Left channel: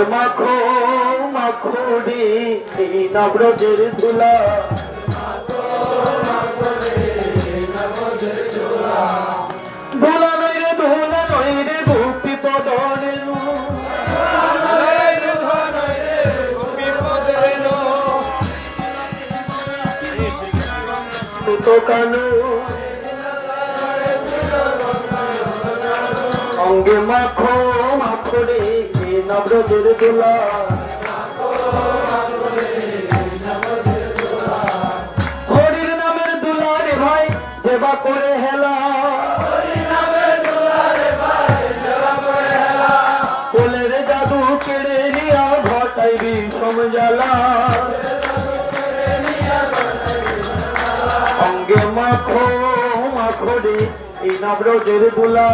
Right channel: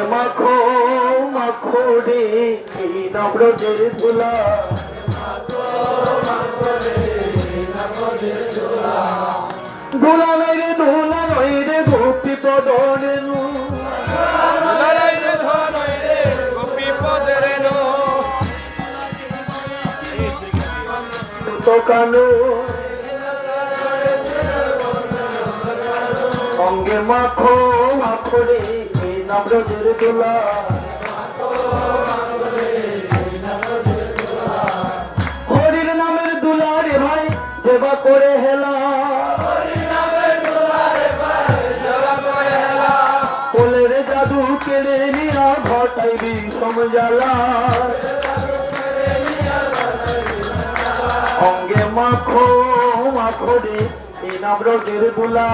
অঙ্গে মাখো মাখো রে এই নবরজের ধুলা ধুলা নই রে ভক্তি পদরের তো কানো অঙ্গে মাখো মাখো রে এই নবরজের ধুলা হরির নামের দুলা রে ভাই সেবা করে হেলা কোলের জাদু কেড়ে নিয়া ঘটাইবি সমজালা অঙ্গে মাখো মাখো রে এই নবরজের দুলা